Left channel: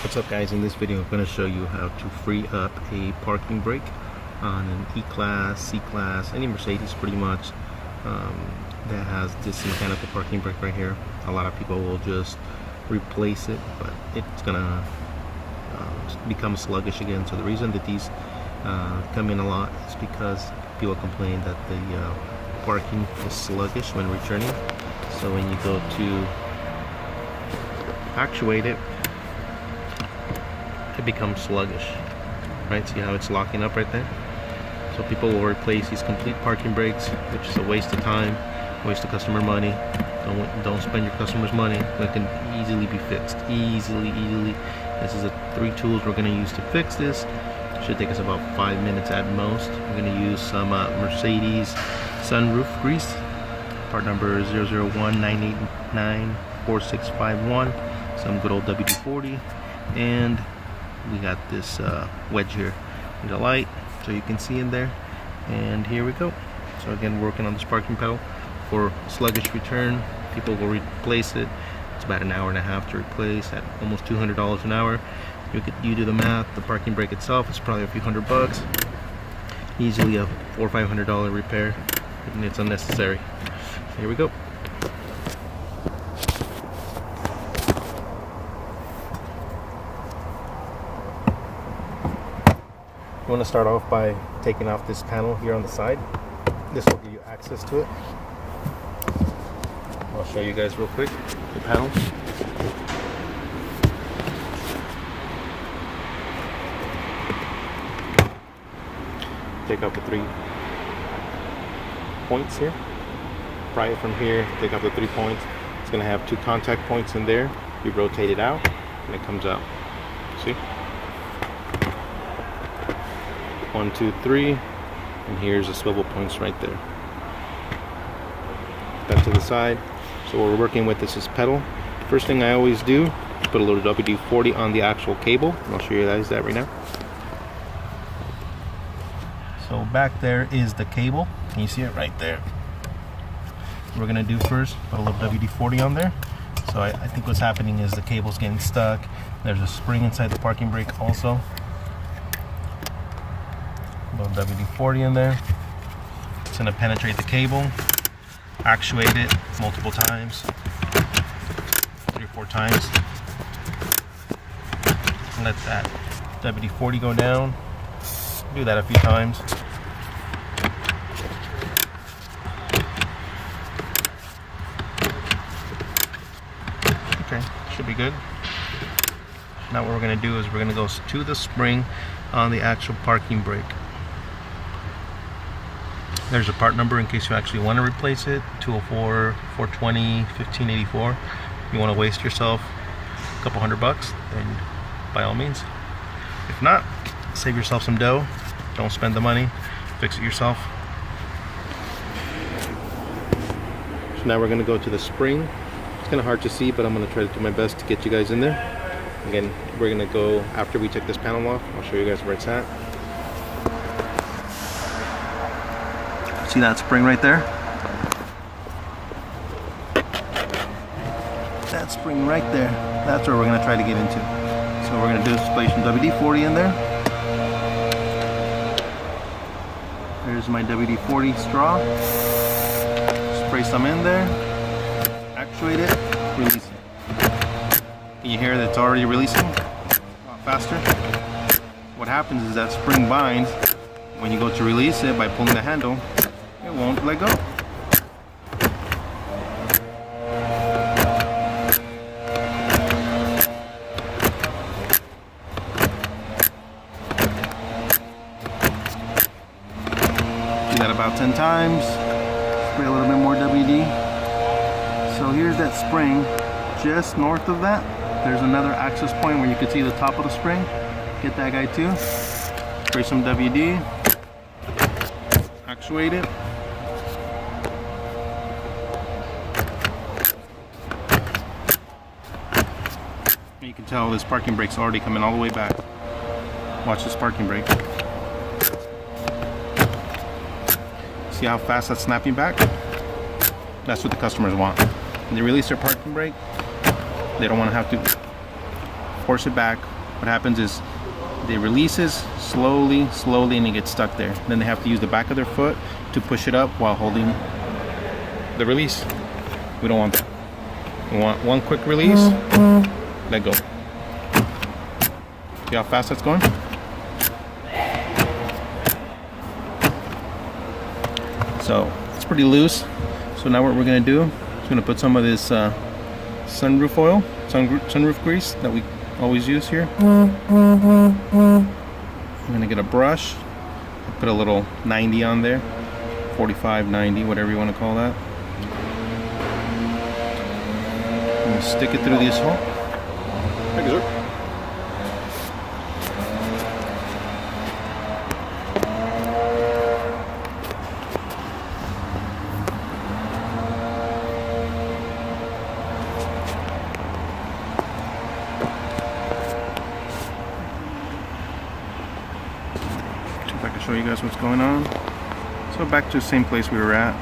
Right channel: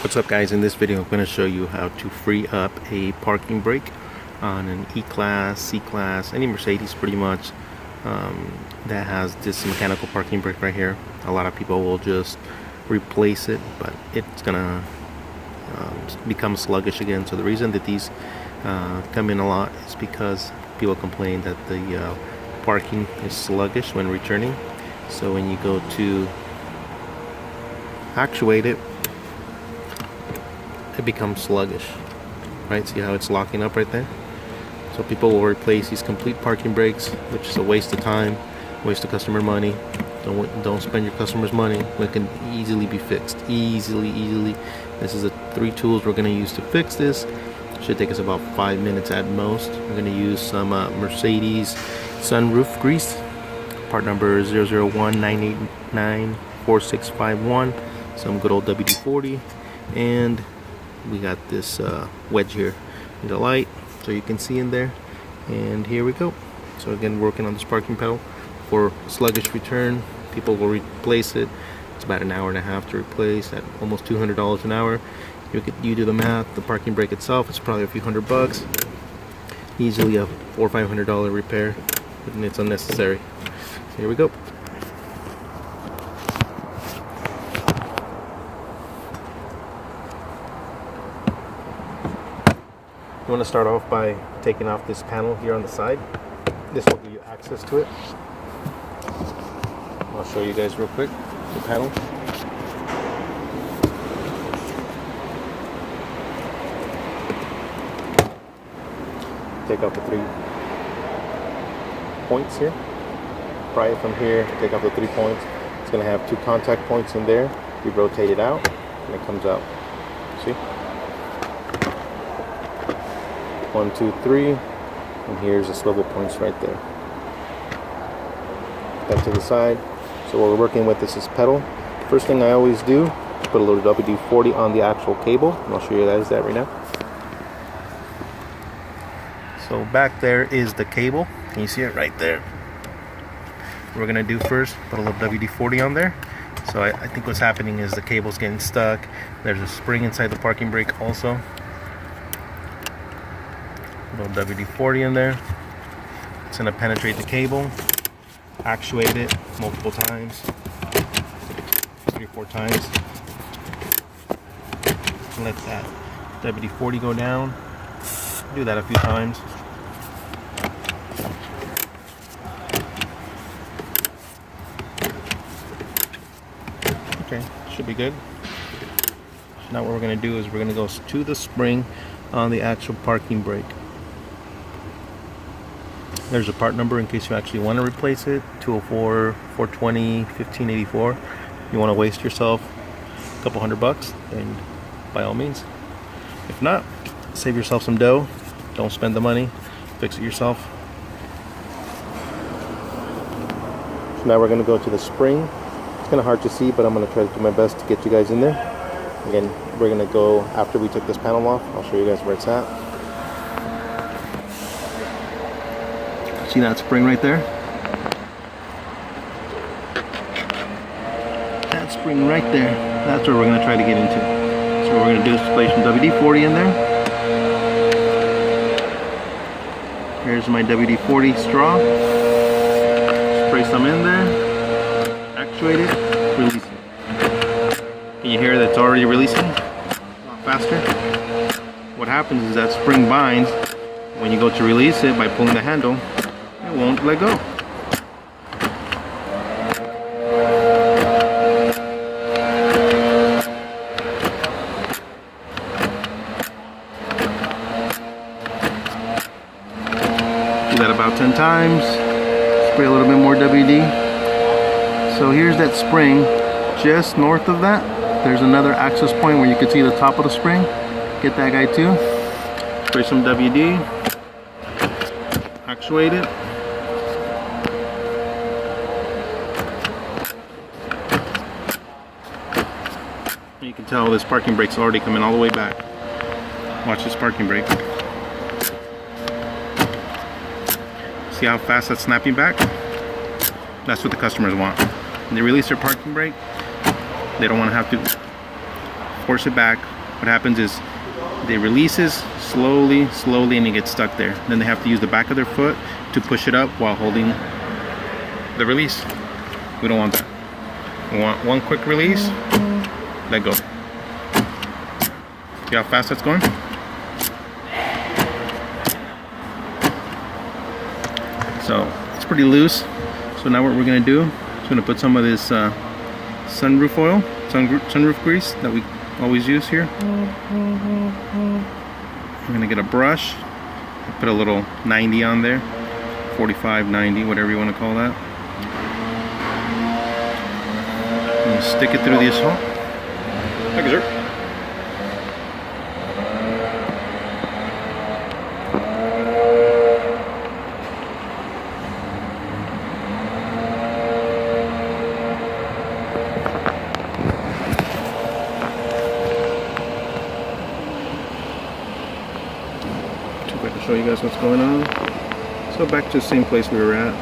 What's up, guys? In this video I'm going to show you how to free up a parking brake on an E-Class, C-Class, any Mercedes pretty much that has this mechanical parking brake right here. A lot of people will just replace it, but it's gonna become sluggish again. So the reason that these come in a lot is because people complain that the parking is sluggish when returning. So when you go to actuate it, it becomes sluggish, right? See how it's locking up right there? So people will replace these complete parking brakes, which is a waste of time, waste of customer money. Don't spend your customers' money. It can easily be fixed, easily. This is the 3 tools we're going to use to fix this. Should take us about 5 minutes at most. We're going to use some Mercedes sunroof grease, part number 001-989-4651, some good old WD-40, and we got this wedge here. Need a light so you can see in there, and here we go. So again, working on this parking pedal for sluggish return. People will replace it. It's about an hour and a half to replace at almost $200 an hour. You do the math. The parking brake itself is probably a few $100. Easily a $400 or $500 repair, and it's unnecessary. So here we go. You want to start off by taking off this panel here on the side. This will give you access to it. I'll show you guys real quick the panel. Take off the 3 points here. Pry it from here, take off the 3 points. It's going to have 2 contact points in there. You rotate it out and it comes out. See? 1, 2, 3, and here's the swivel points right there. That to the side. So what we're working with is this pedal. First thing I always do is put a little WD-40 on the actual cable, and I'll show you guys that right now. So back there is the cable. Can you see it right there? What we're gonna do first, put a little WD-40 on there. So I think what's happening is the cable's getting stuck. There's a spring inside the parking brake also. A little WD-40 in there. It's going to penetrate the cable, actuate it multiple times, 3 or 4 times. Let that WD-40 go down. Do that a few times. Okay, should be good. Now what we're going to do is we're going to go to the spring on the actual parking brake. There's a part number in case you actually want to replace it, 204 420 1584. If you want to waste yourself a couple $100, then by all means. If not, save yourself some dough. Don't spend the money, fix it yourself. So now we're going to go to the spring. It's kind of hard to see, but I'm going to try to do my best to get you guys in there. Again, we're going to go after we take this panel off. I'll show you guys where it's at. See that spring right there? That spring right there. That's where we're going to try to get into. So what we're going to do is place some WD-40 in there. Here's my WD-40 straw. Spray some in there. Actuate it. Release it. Can you hear that it's already releasing? A lot faster. What happens is that spring binds. When you go to release it by pulling the handle, it won't let go. Do that about 10 times. Spray a little bit more WD. So here's that spring. Just north of that, there's another access point where you can see the top of the spring. Get that guy too. Spray some WD. Actuate it. You can tell this parking brake's already coming all the way back. Watch this parking brake. See how fast that's snapping back? That's what the customers want. When they release their parking brake, they don't want to have to force it back, what happens is it releases slowly, and it gets stuck there. Then they have to use the back of their foot to push it up while holding the release. We don't want that. We want one quick release, let go. See how fast that's going? So it's pretty loose. So now what we're gonna do is gonna put some of this sunroof oil, sunroof grease that we always use here. I'm gonna get a brush, put a little 90 on there, 45, 90, whatever you want to call that. And stick it through the assault. Thank you, sir. If I can show you guys what's going on. So back to the same place we were at.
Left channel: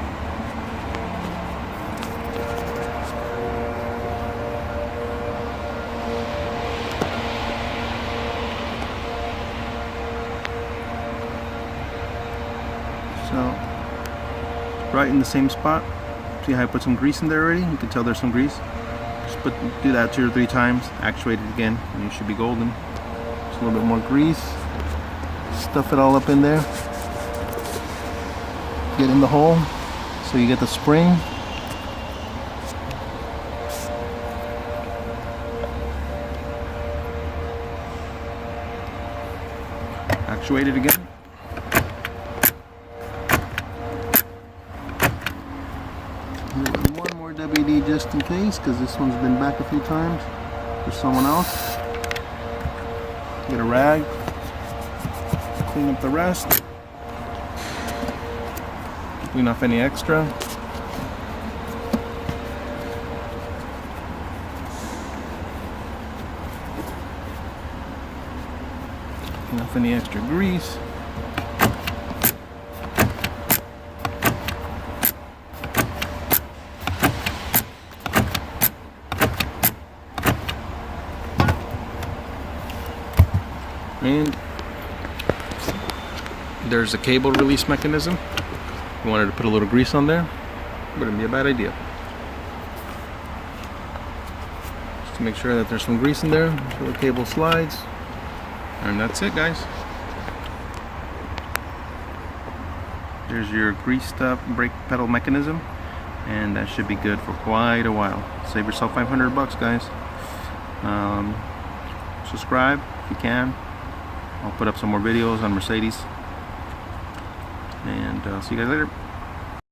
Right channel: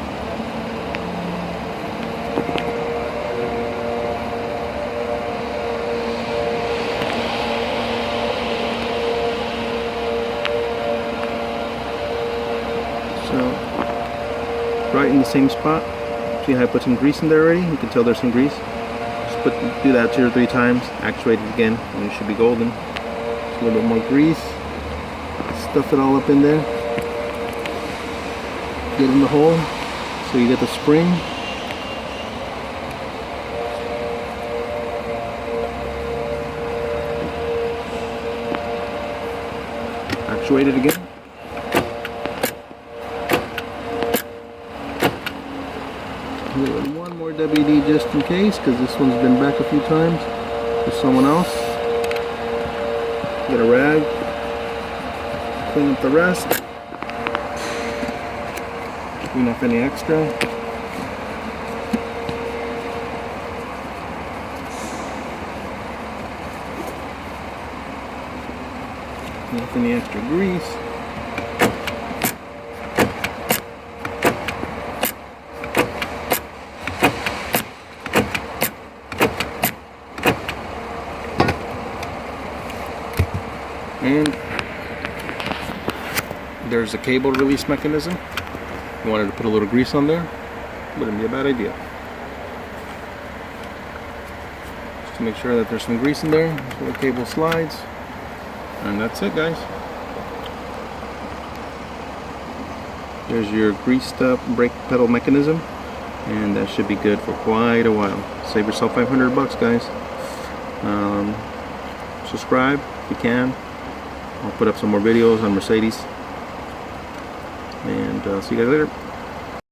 So right in the same spot. See how I put some grease in there already? You can tell there's some grease. Just do that 2 or 3 times, actuate it again, and it should be golden. Just a little bit more grease. Stuff it all up in there. Get in the hole so you get the spring. Actuate it again. One more WD just in case, because this one's been back a few times with someone else. Get a rag. Clean up the rest. Clean off any extra. Clean off any extra grease. And there's a cable release mechanism. I wanted to put a little grease on there. Wouldn't be a bad idea. Just to make sure that there's some grease in there so the cable slides. And that's it, guys. There's your greased up brake pedal mechanism, and that should be good for quite a while. Save yourself 500 bucks, guys. Subscribe if you can. I'll put up some more videos on Mercedes. And see you guys later.